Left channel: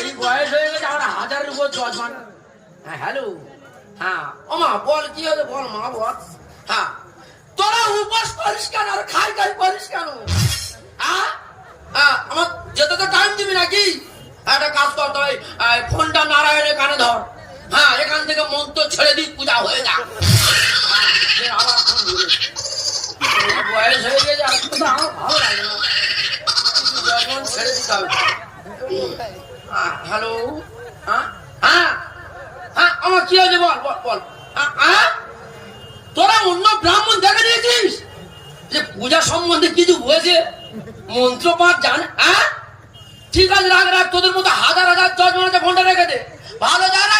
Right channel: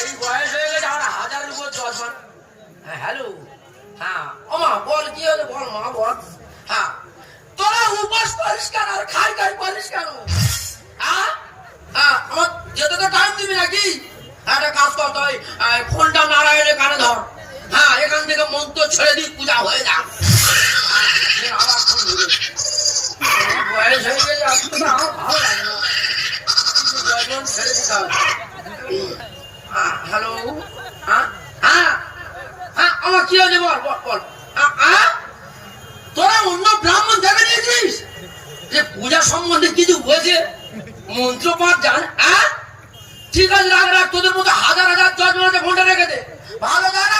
এই বয়স হয়ে গেছে আমার 1000-এর উপর জল। হ্যাঁ হ্যালো, হ্যাঁ আমা বল কি হলো বল মা বল। হ্যাঁ তোরা উপাস করিস কেন আর খাই করিস কেন? আমার যেতে তো টাইম দিবি নাকি? একটা কাজ করতে হয়, ফোনটা নারায়ণের কানে ধর। হ্যাঁ এখান থেকে মন্ত্র ছেড়ে দিই, পূজা হয়ে যা। বয়স হয়ে গেছে আমার ভালো লাগে না, ছেড়ে দিতে হবে। হ্যালো, হ্যাঁ হ্যাঁ হ্যাঁ আমার কি হয়েছে বল বল। তোরা অন্য ব্রাহ্মণ দেখা দিয়েছিস যে পূজা সম্বন্ধে কিছু হয়েছে, মন্ত্র পাঠ জান? ঠিক আছে রাখ রাখ, তোদের মতো হাজার জজ বানাতে ফোনটা রেখে দে। ভালো যায় না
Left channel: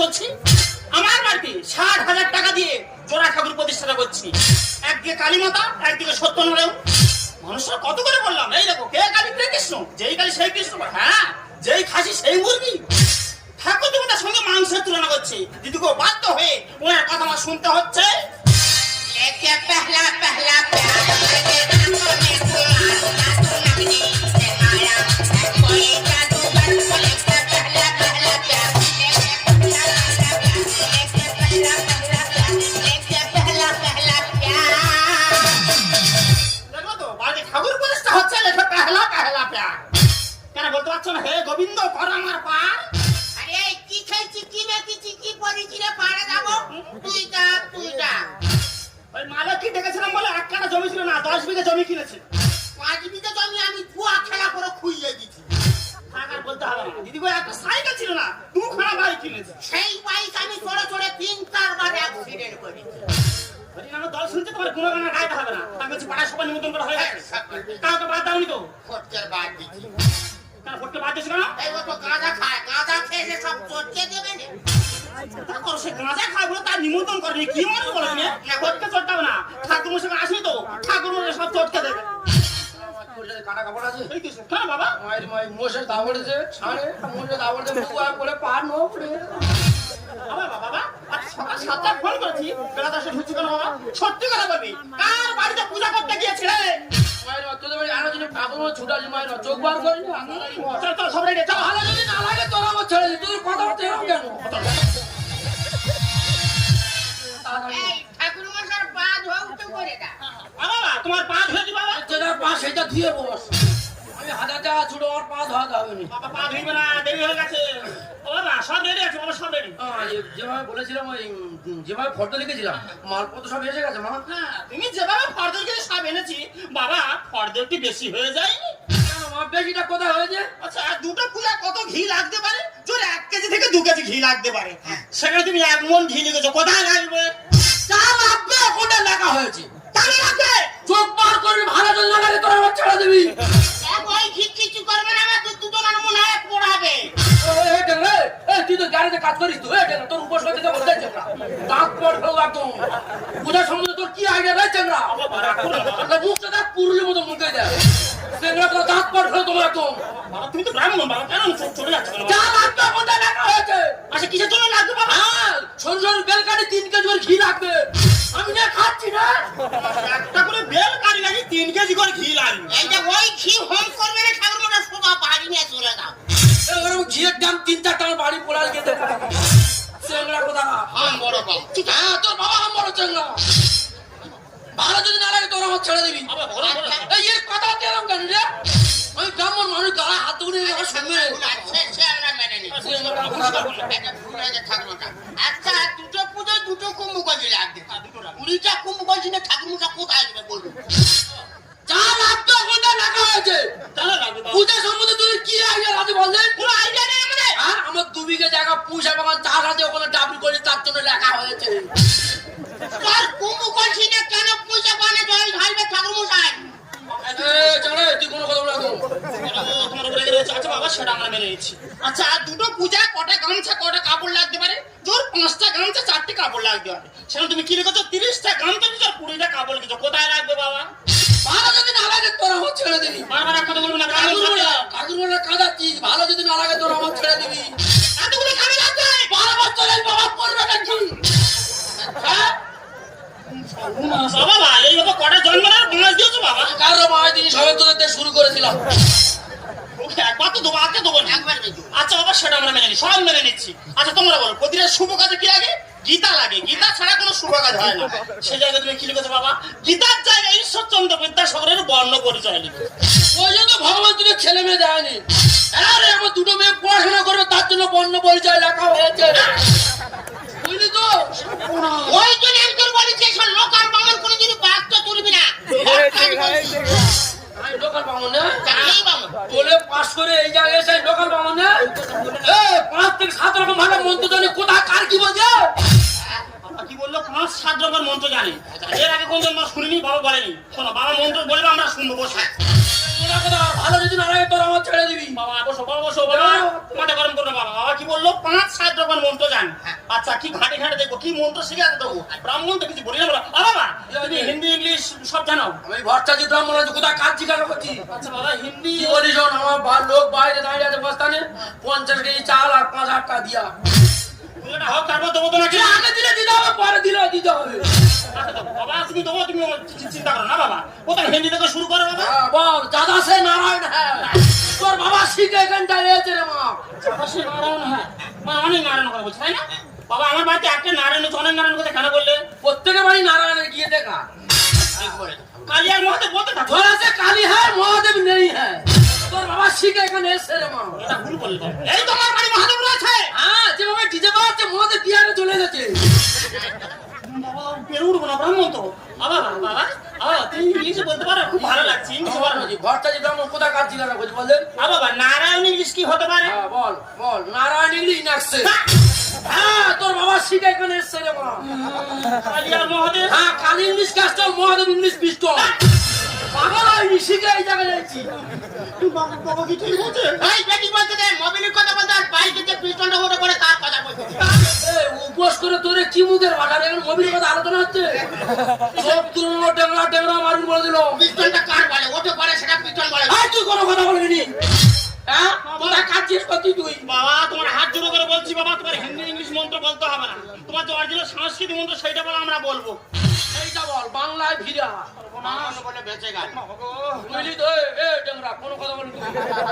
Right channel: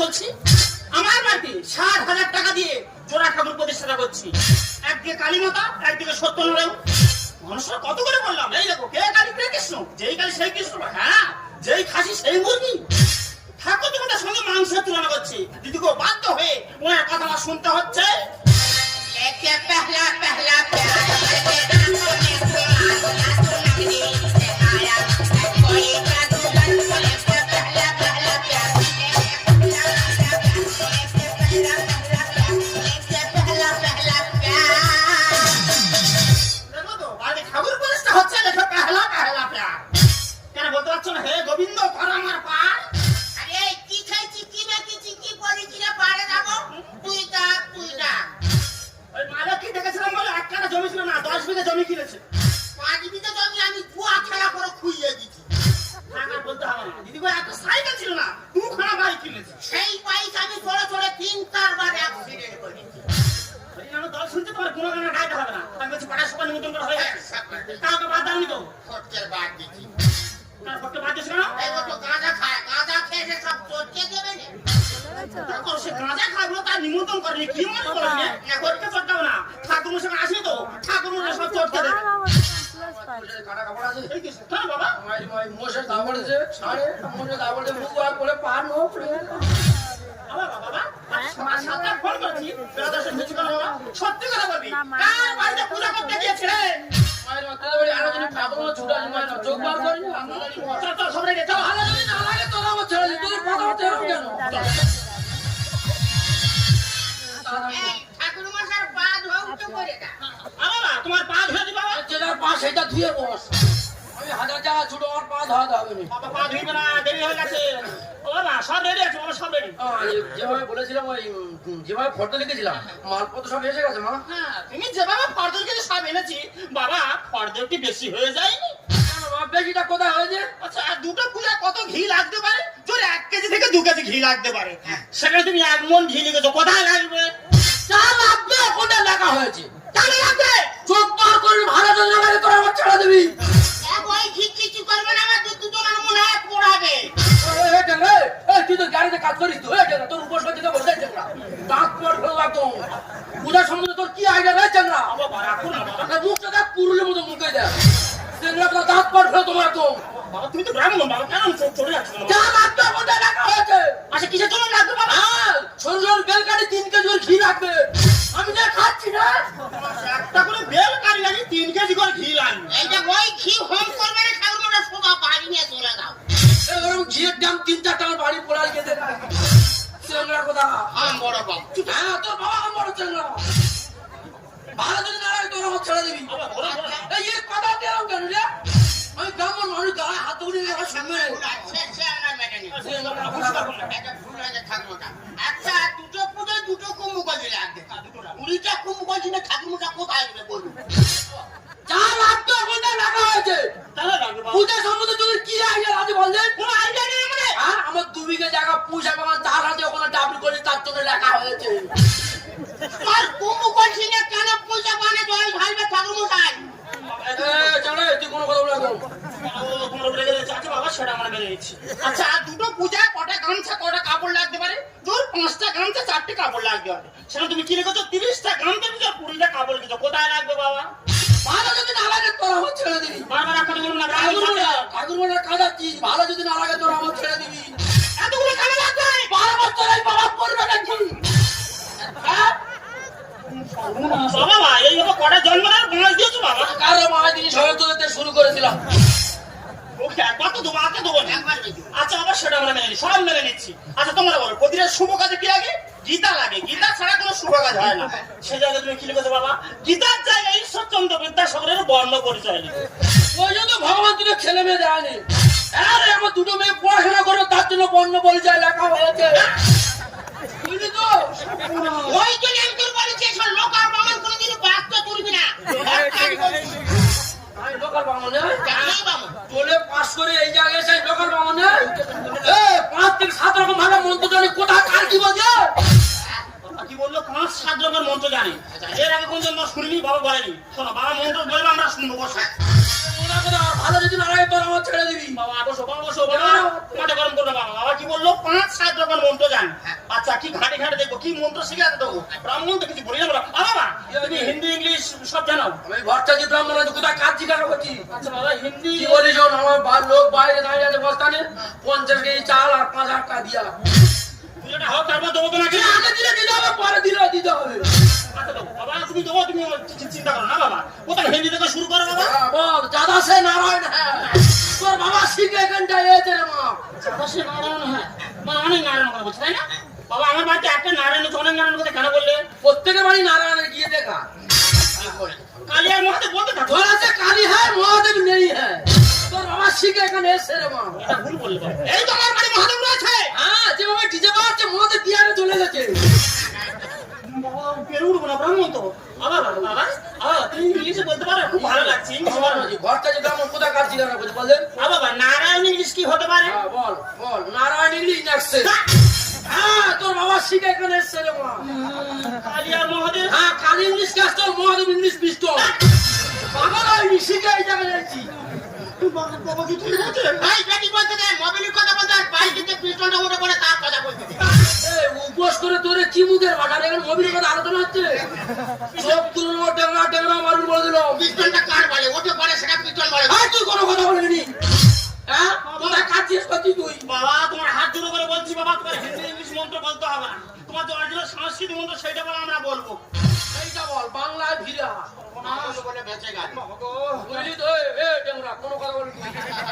চলছি। আমার বাড়িতে 60,000 টাকা দিয়ে জোড়া ঠাকুর প্রতিষ্ঠা করছি। একদিকে কালী মাতা, একদিকে সত্যনারায়ণ। মানুষরা কত করে বললাম, এই দেখো কে কালী কে কৃষ্ণ, যেই কালী সেই কৃষ্ণ। হ্যাঁ যেই খাসি সেই মুরগি। ঠাকুর দেবতার সঙ্গে মানুষের তুলনা করছে, যদি কেউ বাধ্য হয়ে ওনার কথা আমার শুনতে হচ্ছে। হে গোবিন্দ ধর আমার পা। আরে কি খাইছি কি বেঁচেছি কি পড়েছি রে পাড়ে যাবো, তুই যা। ওই মালিক কি দেখেছিলাম বলে 1 কাঠা জমি ছিল না, 10 বিঘা জমি কিনেছে। 5 বিঘা জমি আমি কুয়া খেলা করে খুইয়ে দিছি। টাকা বলতে হবে না, দিদি ভাই এত সাইকেল ছিল না, 2 খানা বাড়ি কিনেছে। সেই বাইক আমি চড়ে 3-4 বার অ্যাক্সিডেন্ট করেছি। হরিনাম দল শুনতে তোমার গুণগানা গাইতে হবে না, আমি বলছি পাড়া সবাই নিমন্ত্রণ করা হয়ে গেছে। তাও তো বাদ দাওনি তো? খরচের বাদ দিছি। তার করতে বাদ দিয়েছিল না? এই মতো গাঁজা খায়, গাঁজা খেয়ে সে সব চটকে দেবে না। তোর সে গাঁজা খাবো তার নিমন্ত্রণ করবি, কি মনে করবি না? করতে চটকাবো না, ঠাকুর মশাই আসি তো ঠাকুর মশাই সব চটকে দেবে। কাটা কাপড় আছে এই কিছু কেন বাবা? মোষের দাবড় দিছে ছাড়ে, মোষের দাবড় দিয়ে মুখ করে পা নো পড়ে। বাবা সকাল 7টায় ফোন করেছি, বেলা 10 হচ্ছে কেন বাবা? সত্যি কথা বলবি, কার বাড়িতে পূজা করতে গিয়েছিলে? চোখ বার করে চল খবরে রে, চল। ভালো যদি না লাগে তোর আমার ছেড়ে দিতে কথা হচ্ছে কেন? এই ঠাকুর মশাইয়ের পা ধোয়া উঠে পড়ে না। বাবা তোমার পা ধুয়ে দিবা? যেটা পা সেটা ধুয়ে বস। আমি 1000 টাকা ছুটো, আমার পা ধোয়াতে হবে না। বাবা পা ধুইবে না, দেরি হয়ে গেছে। ও বাবা সব রেডি আছে, বাবা সব রেডি। যেভাবে বলেছিলাম, ওই যেভাবে ফটো লিখেছিলাম মালপত্র সব এসে গেছে মা। হ্যাঁ তুমি যেভাবে ফর্দল কেটে সব এনেছি, বাবা ফর্দল কি বেশি হয়ে যায়নি? বেশিটা কোথায় হয়েছে? আচ্ছা আর দুটো পূজা কত ঘি লাগতে পারে? তোর 1 কেজি থেকে 2 কেজি ঘি লাগতে পারে। সেখানে তুমি 1 মণ ঘি লিখেছো, কোথায় লাগবে? তা লাগবে, কোনটা লেখা হয়েছে? তাহলে লাগবে চোখ বার করবি, ভালো তো না লাগে তোর আমার ছেড়ে দিবি। ওই ঠিক কিছু করবে না, আমার দুটো আমার মনে হয় পড়াবে। তুই তো গাড়িতে কাজ করিস তো, তোর উপসর্গিতা বলতে না দাঁত পড় ফেলবো একদম। পূজার সম্বন্ধে তোর কি আইডিয়া রয়েছে না? মুখটা দেখ পুরুলের মতো মুখে দেয়, সেগুলো তো দাঁত পড় ফেল তোমার একদম। বাবা তুমি তো ব্রাহ্মণ, বাবা কেন চলে যাচ্ছে? যা লাগবে কোনটা লেখা হয়েছে? আচ্ছা কিসের জন্য লাগবে বাবা? সরুর বেলকারি 3 কেজি ঘি লাগবে। আমি না খাচ্ছি না, একটা করে বেল কারি লাগি 3 কেজি করে ঘি লাগবে। এই যে ওই ঘি হোম করবে না, ঠাকুর মশাই সোজা বাড়ি নিয়ে চলে যাও। এরকম ঘিয়ের দাম 3-4 টাকা বাড়ি পোলার খেতে পারে। সেগুলো কথা বড় বাবা তোর বাবা আমার হচ্ছে না। ভালো যদি না লাগে তোর আমার ছেড়ে দিবি। বাবা, বলো, বলো। এই এর কথা কি এরকম কেন রে? আমি ব্রাহ্মণ মানুষ, গায়ে হাত তুলে আমার শুনবে। সে আমরা মেনে নিই। এটা ভুল হয়েছে ঠাকুরমশাই। আচ্ছা, দুটো পুজোয় দুটো কুম্ভকর্ণী লাগবে। কুড়িটা কুম্ভকর্ণী ঠাকুরমশাই কোথায় দেবে বলুন? যা লাগতো সেটা লেখা হয়েছে। তাহলে লাগবে বাবা। পূজা সম্বন্ধে তোদের কি আইডিয়া আছে বললেন? কোনো আইডিয়া নেই মানে? হ্যাঁ, আমার 2 বিঘা জায়গা পূজা বাগান চার হাতে ওখানে ডাবল করে তার জন্য লেখা হয়েছে। তোর কুম্ভকর্ণী কেন পয়সা পানে জল ঢালবে ঠাকুরমশাই? চলে তুই কোনো কথা বলে তোমার উপরে রেগে আছে বাবা, সেটা আমরা মেনে নিচ্ছি। আচ্ছা, দুটো পূজা কটা গামছা কটা কাপড় লাগতে পারে? তোর 5টা গামছা 4টে কাপড় লাগবে। সেখানে তুমি কি রেখেছো? 30টা গামছা নিয়েছো আর 20টা কাপড় নিয়েছো। কোথায় লাগবে বাবা? ভালো যদি না লাগে তোরা আমার ছেড়ে দিবি। বারবার একটা বলবো না, ঠাকুর কাঁদাচ্ছিস, ভালো যদি না লাগে তোরা আমার ছেড়ে দিবি। এতগুলো কেন লাগবে? 12 বছর এই বাবা করবে নাকি? হ্যাঁ, বাবা এই বাবা কটা জন্ম নেওয়ার বয়স দিয়েছো বাবা? কারো মায়ের দিন সবাই তোদের শুরু করেছিলাম। ওকে একবার তো দেবো, আগে দেবো না। একবার দেবো। আচ্ছা বাবা, সেটা আমরা মেনে নিই, সবাই মেনে নিচ্ছি। আচ্ছা তোমরা বলো, প্রতিটা শুভ কাজে কি লাগে? গীতা লাগে। গীতা ছাড়া কোনো শুভ কাজ হয় না। সে জায়গায় তুমি কি লিখেছো বাবা? গীতার জায়গায় ঈশ্বরচন্দ্র বিদ্যাসাগরের বর্ণ পরিচয় লিখেছো। ওই জন্য ভগবান তোদের ছেলে মেয়ে দেয়নি। আরে আমার 2টো মেয়ে পড়াশোনা করবে, তার জন্য বর্ণ পরিচয় লেখা হয়েছে। বুঝলি তো? ওই জন্য আমি তোর বলেছি, সব লোক আর বামন কোনোদিনই বাঘটা তুলবি না। আমি লোকাল বামন না? জানি বামন। তোলে পাস করে এই জায়গায় এসে লোকাল বামন না? 5 থেকে 7 রকম ভাবে মন্ত্র জানে, কোথায় কার কি বলছে? বাবা কি বললো? 5-7 রকমের মন্ত্র জানি। এর আগে কোনদিন আমরা শুনিনি, বাবা বলেনি। শোনো, বাবা মন্ত্র বলবে আমরা শুনবো, বসে। ভালো যদি না লাগে তোরা আমার ছেড়ে দিবি। বাবা বসো, বাবা বসো, বাবা মাঠে গরম করবে বাবা। বাবা কি বললো? 5-7 রকমের মন্ত্র জানি। আচ্ছা, কি ঘাটে ঘাটে দেখবো, কি মন্ত্র শিখাতে দেবো? ব্রাহ্মণ তো কিছু বলি না বাবা। বাবা তুমি হিন্দি ইংলিশ সব জানো? আমি ভরসা দিতে আমরা কোথায় কাজ জিজ্ঞাসা করছি। আচ্ছা বাবা হিন্দি কি বলিস? আমার লোক বাইরে দাঁড়িয়ে আছে বস্তানে, 50 কেজি চাল আর 5,000 টাকা দিয়া। পুজোটা হোক, তারপর দেবো তো নাকি? আগে দিলে দিতে হবে, পরে দিলে দিতে হবে। আচ্ছা দেবো বাবা, তুমি দেবো, তুমি চিন্তা করো না বাবা। কোথায় হিন্দি থেকে শুরু করো বাবা? বল দাদা সে নারায়ণ হ্যাঁ, তোর বাবা শিখে এখানটায় এসেছে রে মা। বাবা সে নারায়ণ, হ্যাঁ বাবা অনেক নারায়ণ কথা বলছে, তাই না? বাবা আমার বাড়িতে একটা নারায়ণ আছে, অনেক নারায়ণ কথা কেন বললে? প্রত্যেকের বাড়ি নারায়ণের গিয়ে দেখা। কালী আর মহাদেব বলতে থাকো। তোর আছে কালী হ্যাঁ, মহাদেব নেই হ্যাঁ। তোর বাবা শিখে এখানে এসেছে রে মা। এটা ভুল বললে বাবা। এই তো আমার বাড়ি মহাদেব রয়েছে। হ্যাঁ, যে ওই ডিজে বাজাচ্ছে মহাদেব বিহারে চলে গেছে। বাবা পেরে উঠবো না, ব্রাহ্মণ তো। বাবা বাবা বাবা তুমি ইংলিশে বলতে পারো? খুব ভালো লাগছে ইংলিশে বলো। ভরসা দিতে আমার কোথায় কাজ জিজ্ঞাসা করছি বলেন? বাবা নারায়ণ ইংলিশ কি হতে পারে? হ্যাঁ বল বল, নারায়ণ ইংলিশ নেক্সট। হ্যাঁ, তোর বাবা শিখে এখানে এসেছে রে মা। কালী আর মহাদেব। হ্যাঁ, Kali English castle, Mahadev English pistol. বাবা আমি শিখে এই জায়গায় যাচ্ছি। বাবা বাবা কি ঠিক আছে? ভাই বেটি বলতে দে, মোবাইলের কথা বলতে আর বাইকে যে পিস্টনটা ওটা করে তার কথা বলতে দে। উপোস করে তোরে কি মুখের ভাষা রে? মোবিলের কথা আলোচনা হচ্ছে। সব তুলনা টেমা টেমা মারুন বলে দিল। পিস্টনটা কার বলে? ওটা বলে সেটা পিস্টন বলে। আর তুই কোনো কথা বলবি? হ্যাঁ, কোথায় কাটছিস পাতি তুই? বাবা তোমার হাত জোড়ো করে বলছি বাবা, তোমার হিন্দি ইংলিশ মন্ত্র বলতে হবে না। তোমার যে অরিজিনাল সংস্কৃতি মন্ত্র সেইটা বলো, আমরা বলবো। এইটা বল, বাংলায় ভিড়া। মানুষ বলে বেঁচে গেল। বুঝলি তো? এ টেমরা কোনো কথা বলবি না।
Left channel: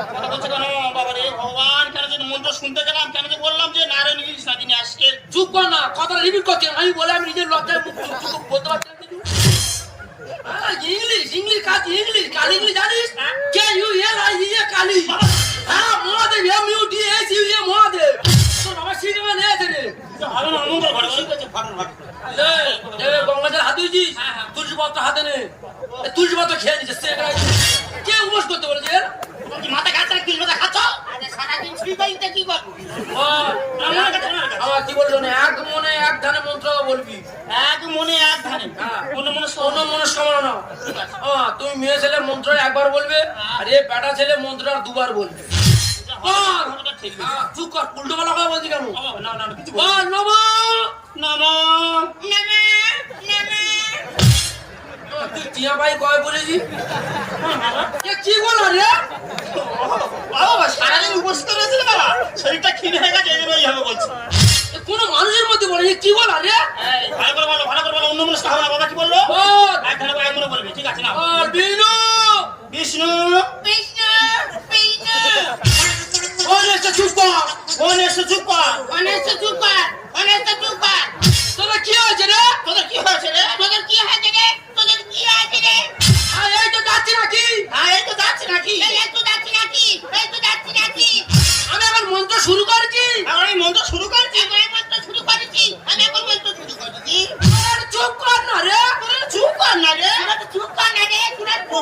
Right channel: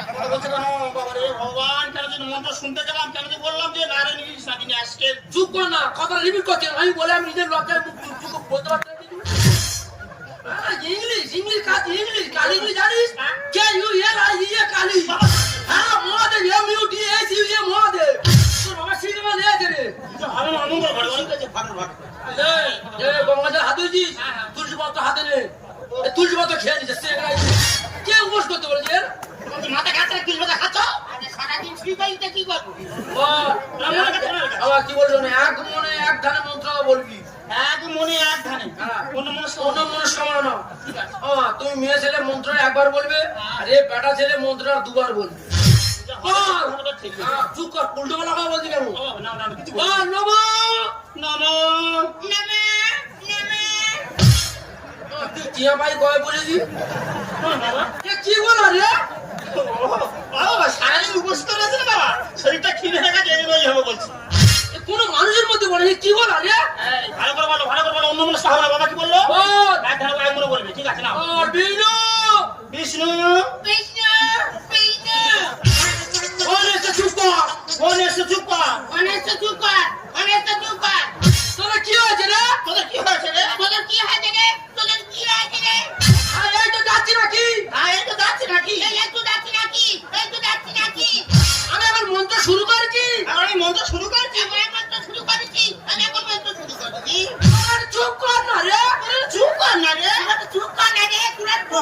কথা বলছে কেন বাবা রে? ভগবান কেন যে মন্ত্র শুনতে গেলাম, কেন যে বললাম যে নারায়ণ ইংলিশ না তিনি আজকে। চুপ কর না, কথা রিপিট করছি। আমি বলে আমি নিজের লজ্জায় মুখ চুপ বলতে পারছি না কিছু। ইংলিশ ইংলিশ কাজ ইংলিশ কালি ইংলিশ জানিস? K U L I E A কালি। হ্যাঁ, Mahadev M U D S U A Mahadev. তোর বাবা শিখবে না এতে রে। আমি না মন্ত্র ঘরে ঘরে গেছে ফাটার ফাটার। গঙ্গাজল হাতে দিয়েছিস, তুলসী পত্র হাতে নে। তুলসী পত্র খেয়ে নিচ্ছে সে কে উপোস করতে বলেছে? তুমি কি মাথা খাচ্ছ না তিল মাথা খাচ্ছ? আরে সারাদিন শুই বাড়িতে কি করবো? আমার কাছে আমার কাছে। আবার কি বললো না, এক মনে এক ধানে মন্ত্র বলবি। এক মনে এক ধানে। হ্যাঁ, অন্য মনস্ক অন্য মনস্কামনা না। তুমি মেয়ে ছেলে মন্ত্র একবার বলবে, আর এ বেটা ছেলে মন্ত্র 2বার বলবে। ঠিক আছে। চুপ কর, উল্টো বেলা কথা বলছি কেন? বাবা না না কিছু বল নমো। নমো। নেমে নেমে তুই টিয়া ভাই কয় বলেছি? বাবা এ কি বললো রে? বাবা সারাদিন উপস্থিত আছে বাবা, শরীরটা ক্ষীণ হয়ে গেছে, এগুলোই হবে বলছি। এ কোনো মানুষের মধ্যে বলে কি বলা রে? এই, ভালো করে বলো, ভালো করে বলো। অন্য মনস্ক হবে না। বাবা কি বললো? বল এক ধানে এক মনে বলবে, ঠিক আছে না? বল বিনু। বিষ্ণু কৃষ্ণ কৃষ্ণ বল এসে চুপ কর। কোন এসে চুপ কর। অনেক চুপ কর, অনেক চুপ কর। তোরা কি হয়েছে রে? তোদের কি হয়েছে রে? তোদের কি হয়েছে রে? তোদের কি হয়েছে রে?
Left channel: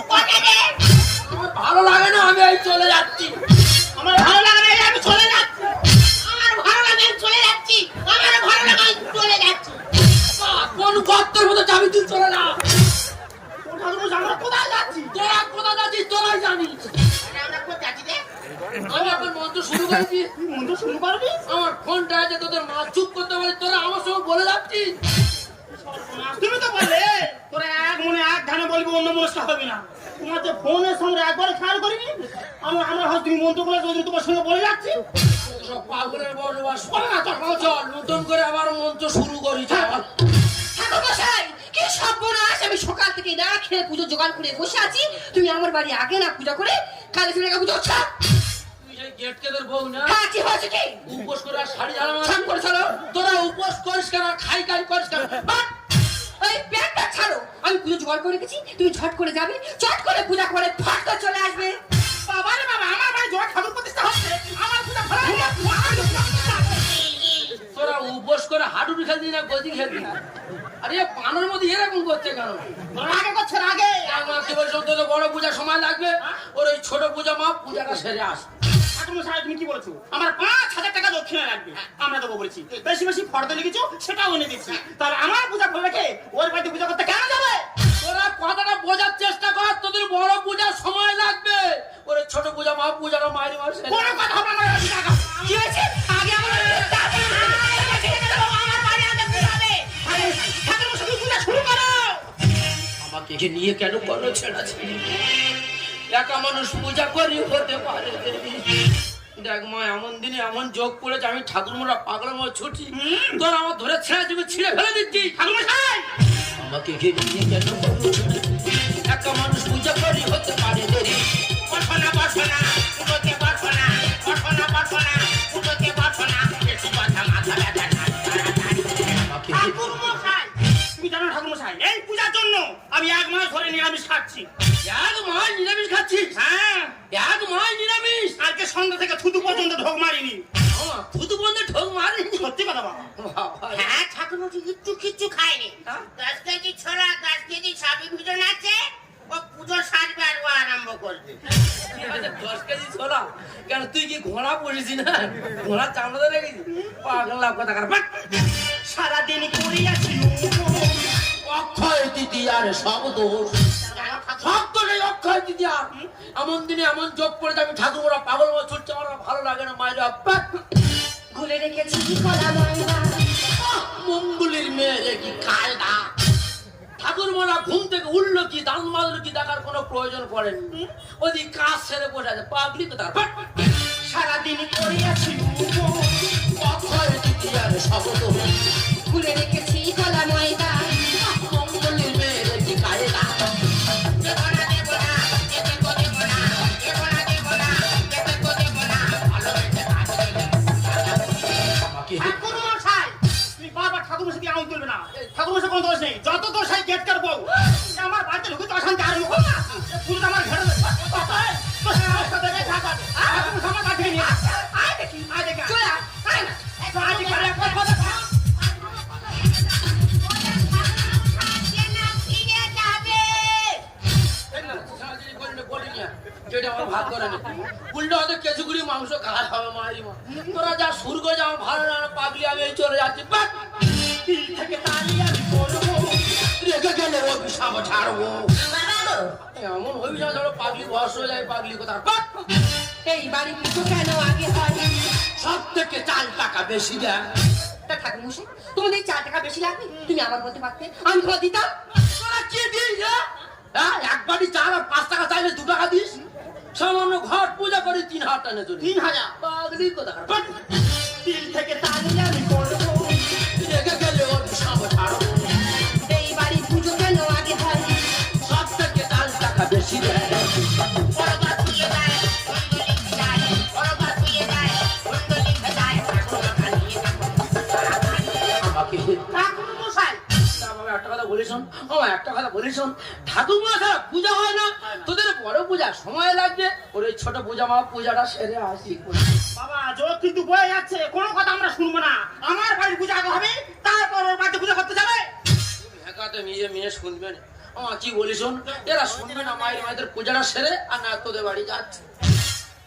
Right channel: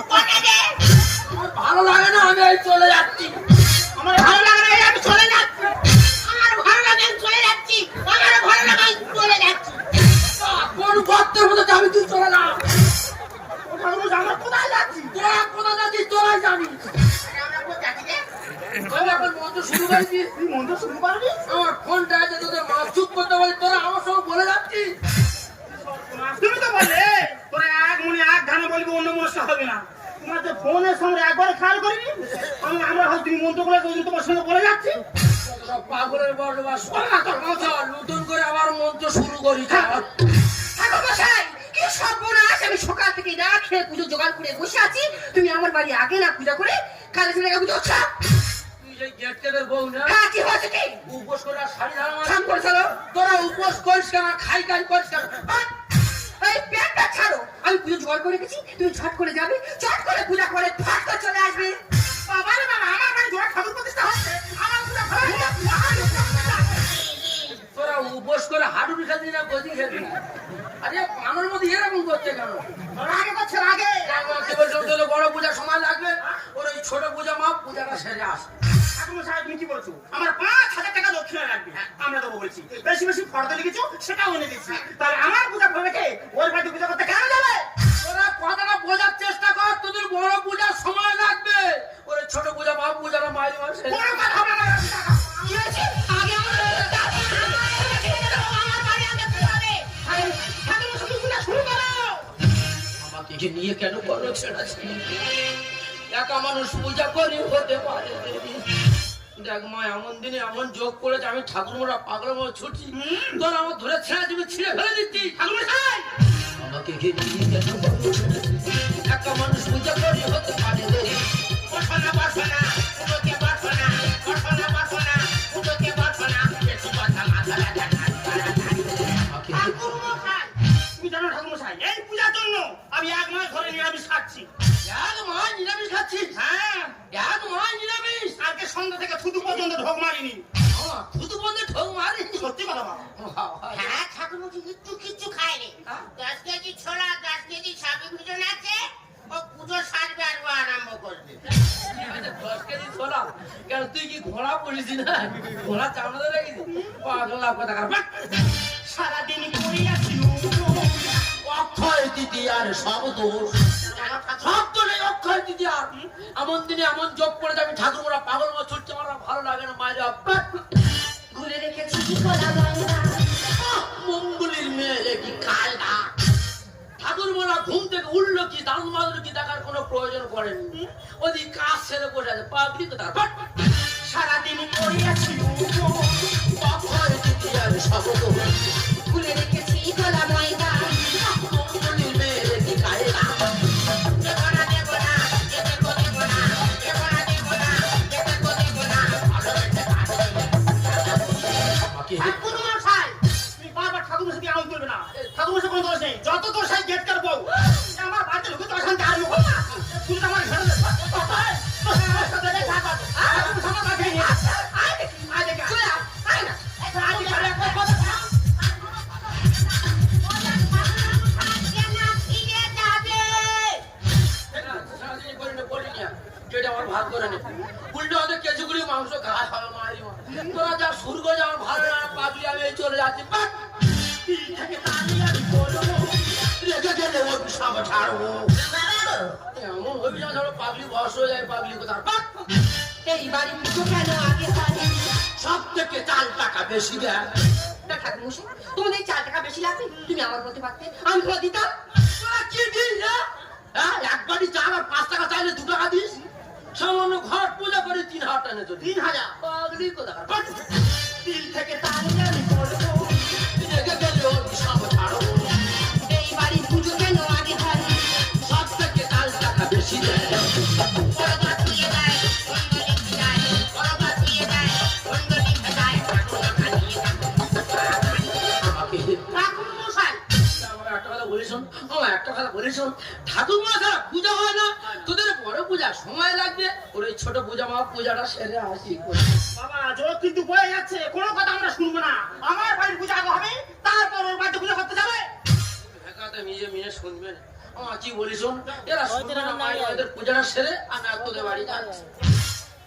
কটা দে। আমার ভালো লাগে না, আমি এই চলে যাচ্ছি। আমার ভালো লাগে না, আমি চলে যাচ্ছি। আমার ভালো লাগে আমি চলে যাচ্ছি। আমার ভালো লাগে আমি চলে যাচ্ছি। কোন গর্তের মতো যাবি তুই, চলে না। ঠাকুরমশাই, আমরা কোথায় যাচ্ছি? তোরা কোথা যাচ্ছিস তোরাই জানিস। আমরা কোথায় যাচ্ছি রে? আমি এখন মন্ত্র শুরু করেছি, তুই মন্ত্র শুরু করবি? আমার ফোনটা আছে, তোদের মা চুপ করতে বলে তোরা আমার সঙ্গে বলে যাচ্ছিস। তুমি তো বলে তোরা এক মনে এক ধানে বলবি, অন্য মনসা হবে না। তোমার যে ফোনের সঙ্গে একবার খেয়াল করিনি, আমরা হয়তো তুমি মন্ত্র করে ওই জন্য তোমার সঙ্গে বলে যাচ্ছি। সব পাগলের বসবাস। চল নতুন করে আবার মন্ত্র শুরু করি। চল। ঠাকুরমশাই, কি সর্বনাশ! আমি সকাল থেকে না খেয়ে পুজো জোগাড় করে বসে আছি, তুমি আমার বাড়ি আগে না পূজা করে কালে চলে পুজো হচ্ছে। তুই সেই গেট কেদের বউ না? হ্যাঁ, কি হয়েছে কি? উপোস করে আর শাড়ি ঝাড়া ছাম করে চলো। তোরা উপোস করিস কেন, খাই করিস কেন? বাহ! এই প্যান্টটা ছাড়ো, আমি পুজো জোগাড় করে রেখেছি, তুমি ঝট করে যাবে, চট করে পূজা করে ফট করে চলে আসবে। বাবা রে বাবা, আমার বাড়ি জোড়া ঠাকুর প্রতিষ্ঠা হচ্ছে, আমার পূজা ঘরে তোরা উপোস করে হাডুডু খেলবি না গদি খেলবি না? আরে পানোর মধ্যে এরকম করছে কেন? আগে করছে আগে। আমাকে বলছো তোদের বড় পূজা সময় লাগবে, ওর ওই ছোট পূজা মা পূজাটা সেরে আস। ঠাকুরমশাই, তুমি কি বলছো? আমার 5,000 টাকা দক্ষিণা লাগবে, আমরা দেবো বলছি। বেশি বেশি ফর্দ লিখেছো, সেটাও এনে দিচ্ছি। তাহলে আমার পূজা করে রেখে ওর বাড়িতে পূজা করতে কেন যাবে? তোরা কথাটা বোঝার চেষ্টা কর, তোদের বড় পূজার সময় লাগবে, ওর ওই ছোট পূজা মা পূজাটা মাঝে মাঝে। কোনো কথা হবে না, টাকা। কি হয়েছে? আগে আমার ঠাকুরমশাই, তুমি পূজা শুরু করো। আমাকে যে নিয়ে কেন বড় ছেড়াছে? একা মানুষ পূজা করে হতে পারে? দেখ মা, এমন দিনে এমন যোগ করেছে, আমি ঠাকুরমোরা পাগলা মা ছুটি, তোর আমার ধরে ছেড়ে তুমি ছিঁড়ে ফেলে দিচ্ছি। ঠাকুরমশাই, আমাকে ঘিরে নিয়ে কেন বড় ছেড়েছে? একা মানুষ পূজা করে হতে পারে? বসনা বসনা পুজোতে বসনা বসনা বসনা পুজোতে বসনা একটু কথা মাথা ব্যথা। আমাকে ঠাকুরমশাই, তুমি জানো ঠাকুরমশাই, এই পূজার জন্য আমি 1 মাস ধরে নিরামিষ খাচ্ছি। এক মাস নিরামিষ খাচ্ছিস? হ্যাঁ, এক মাস নিরামিষ? আজকে সন্ধ্যা থেকে থুতু পর্যন্ত ঢোক মারিনি। শুধু বন্ধে ঠোক মারিনি? সত্যি কথা বাবা। বাবা, হ্যাঁ ঠাকুরমশাই কিচ্ছু খায়নি। 10 কেজি ছোলা 10 কেজি সবই পুজো নাচে, ও পুজো সাজবে আর ও আরম্ভ করবে। 10 কেজি ছোলা? কেন তুই কি ঘোড়া পড়েছি না? ঘোড়া চামড়া রেখেছি? পাগলা কথা কার। সারাদিন করিয়াছি অক্ষয় তৃতীয়ার সব দোষ, সব তো নেই অক্ষয় তৃতীয়ার। এমন দিনে এমন যোগ করেছে, আমি ঠাকুর পাগল মা ছুটছে, আমার ভালো লাগে না। মায়েরা ভুলে রেখেছি কলা ময়দা। মঙ্গলের মেয়ে কি খায় না? ঠাকুর মোরা ঘুম থেকে উঠলো কি দান মাদুর কি দেখার কোনো প্রয়োজন করেনি, ওদিক কাজ ছেড়ে বসে আছে। পাবলিক তো তার সারাদিন করিয়াছি অক্ষয় তৃতীয়ার সব দোষ, ভুলে রেখেছি কলা ময়দা। মঙ্গলের মেয়ে কি খায় না? ঠাকুরমশাই, তুমি বারবার ঠাকুরমশাইকে এমন করবে না। ঠাকুরমশাই কোনো দোষ নেই, যত দোষ হয় গেট কার বউ। আমার বাড়িতে ঢুকে অশান্তি আর মুখ না। পুরো আমার ঘরে আমার সাথে দেখা কর। ঠাকুরমশাই আমার কাছে নিয়ে আয়। আয় দেখি, আয় দেখি, চলে আয়। আয় না। আয় দেখি, আয় দেখি। যেটা আমার ভাগ করে নে, উল্টো আমাদের কেজিগুলি মাংস খাওয়া খাওয়া মারি মা। তোরা যা শুরু করে যা, আমার ভালো না পাগলি, আমি এই চলে যাচ্ছি। তিল থেকে দাঁড়িয়ে আমি পড়বো। রেখে গেলে ওর সব ছাড়বো। এমন হবি না ধরো পাগলি বয়স হয়ে যায়, পাগলি কোথায়। এই বাড়ি পুজো কেন আগে হয়? সব থেকে 4 টাকা বেশি দেয়। তা ঠাকুরমশাই, তোমাদের এই 4 টাকা বেশি লাগবে, তুমি আমার বলতে পারতে, আমি তোমার দিতাম। তোরা কি দিস রে? হ্যাঁ, এক বাটি চাল আর 5 টাকা চাইলে 2 টাকা দিস। সামান্য ঘর পূজা করে 3,000 টাকা চলি। 3,000 পাগলি কোথায়। তিল থেকে দাঁড়িয়ে আমি পড়বো। রেখে গেলে ওর সব ছাড়বো। এই বাড়ি পুজো কেন আগে হয়? সব থেকে 4 টাকা বেশি দেয়। বড়বার পুজো যায়, বন্ধলিক যায়, বড়বার পুজো যায়, বন্ধলিক যায়, ঠাকুরমা খাইয়ে আমাকে ঠাকুরমশাই, আমার একটা কথা বলি শোন, একটা কথা বলি শোন, ঠাকুর মা খারাপ পূজা হয় না, তোদের বড় পূজা সময় লাগবে, ওর এই ছোট পূজা মা পূজাটা সেরে আসি। বাবা, জোর কিন্তু বয়ে যাচ্ছে, কোনো কথা আমরা শুনবো না। আমার বাড়ির পূজা আগে হবে, তারপর ওর বাড়িতে পূজা করতে যাবে। ভেকাতে মেয়ে মেয়ে শুনবে না, কি বলিস শোন, এরা শুনবে না মায়ের আমাদের পূজাটা সেরে আর না তোদের বাড়ি যাচ্ছে।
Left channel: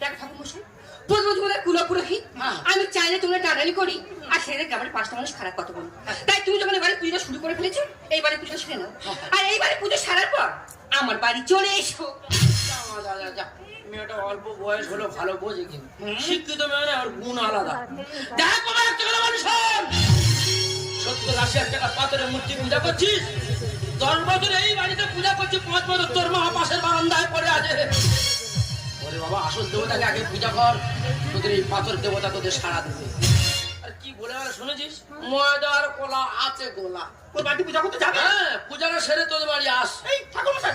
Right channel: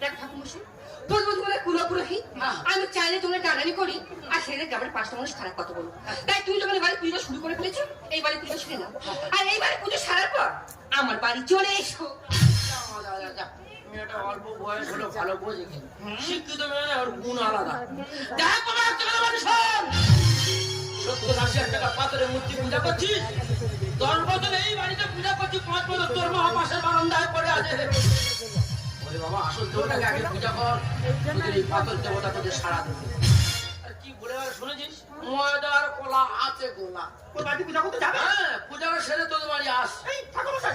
দেখ ঠাকুরমশাই, বলবো তোমাদের কুলাপুরোহিত, আমি চাইলে তোমরা টানানি করি আর সেটা গ্রামের পাঁচটা মানুষ খারাপ কথা বলো। তাই তুমি যখন এবারে পুজো শুরু করে ফেলেছো, এইবারে পুজো সেরে নাও, আর এইবারে পুজো সারার পর আমার বাড়ি চলে এসো। যা, মেয়েটা অল্প বয়স হলো ভালো বোঝে কিন্তু শিক্ষিত মেয়ে না, আমার গুণ আলাদা। দেখা পাওয়ার টাকা মানুষ 70-80 টাকা পাথরের মূর্তি পূজা করছিস, 10 বছর এই বাড়িতে পূজা করছিস, 5 বছর তোর মা পাশের বারান্দায় পড়ে আছে। ওরে বাবা, আসল দেবতাকে আগে পূজা কর, তোদের এই পাথর দেবতা তোদের সাড়া দেবে। আর কি বলে শুনেছিস, ময়দার কলা আছে গোলা। তোর বাড়ি পূজা করতে যাবে? হ্যাঁ, পূজাটা সেরে তোদের বাড়ি আস। এই ঠাকুরমশাই,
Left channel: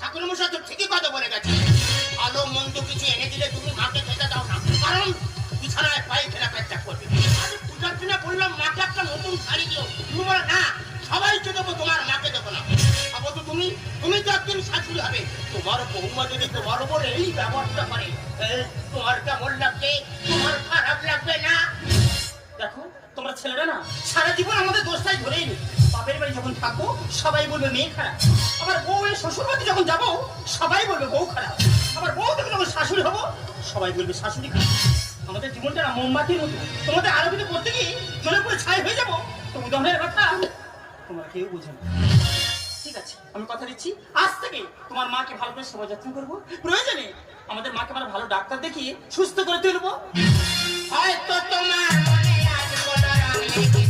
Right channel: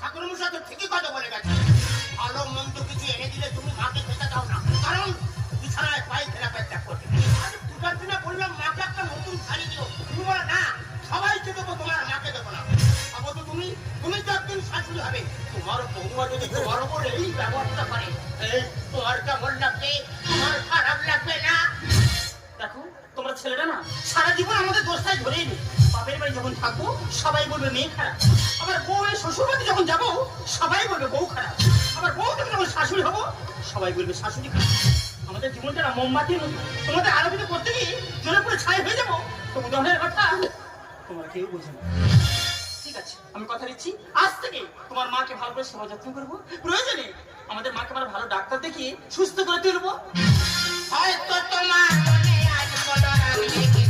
ঠাকুরমশাই তো ঠিকই কথা বলে গেছে। ভালো মন্দ কিছু এনে দিলে তুমি মাকে খেতে দাও না, কারণ বিছানায় পায়ে খেলা কাজটা করবে। আরে পূজার দিনে বললাম মাকে একটা নতুন শাড়ি দিও, তুমি বলো না সবাইকে দেবো, তোমার মাকে দেবো না। আবার তো তুমি তো একদিন শাশুড়ি হবে, তোমার বৌমা যদি তোমার উপর এই ব্যবহারটা করে, এই তোমার কেমন লাগবে? তোমার খারাপ লাগবে না? দেখো তোমরা ছেলেরা না সারা জীবন আমাদের দোষটাই ধরেই নি। বাপের বাড়ি যখন থাকবো সবাই বলবে মেয়ে খারাপ, আবার বউয়ের শ্বশুর বাড়ি যখন যাবো সবাই বলবে বউ খারাপ, আবার বউ থেকে যখন শাশুড়ি হবো সবাই বলবে শাশুড়ি খারাপ। আমাদের জীবনটা না মোমবাতির মতো, তোমাদের আরবিতে পড়তে গিয়ে জলে পুরো ছাই হয়ে যাবো। তো উদাহরণের কথা তোমরা কেউ বুঝো না। ঠিক আছে, আমি কথা দিচ্ছি আজ থেকে তোমার মাকে ভালো করে সেবা যত্ন করবো, প্রয়োজনে আমাদের মাকে আমরা ভালো ডাক্তার দেখিয়ে সুস্থ করে তুলবো। হয়তো তোমার মনে আজ বড় রাগ লেগেছে।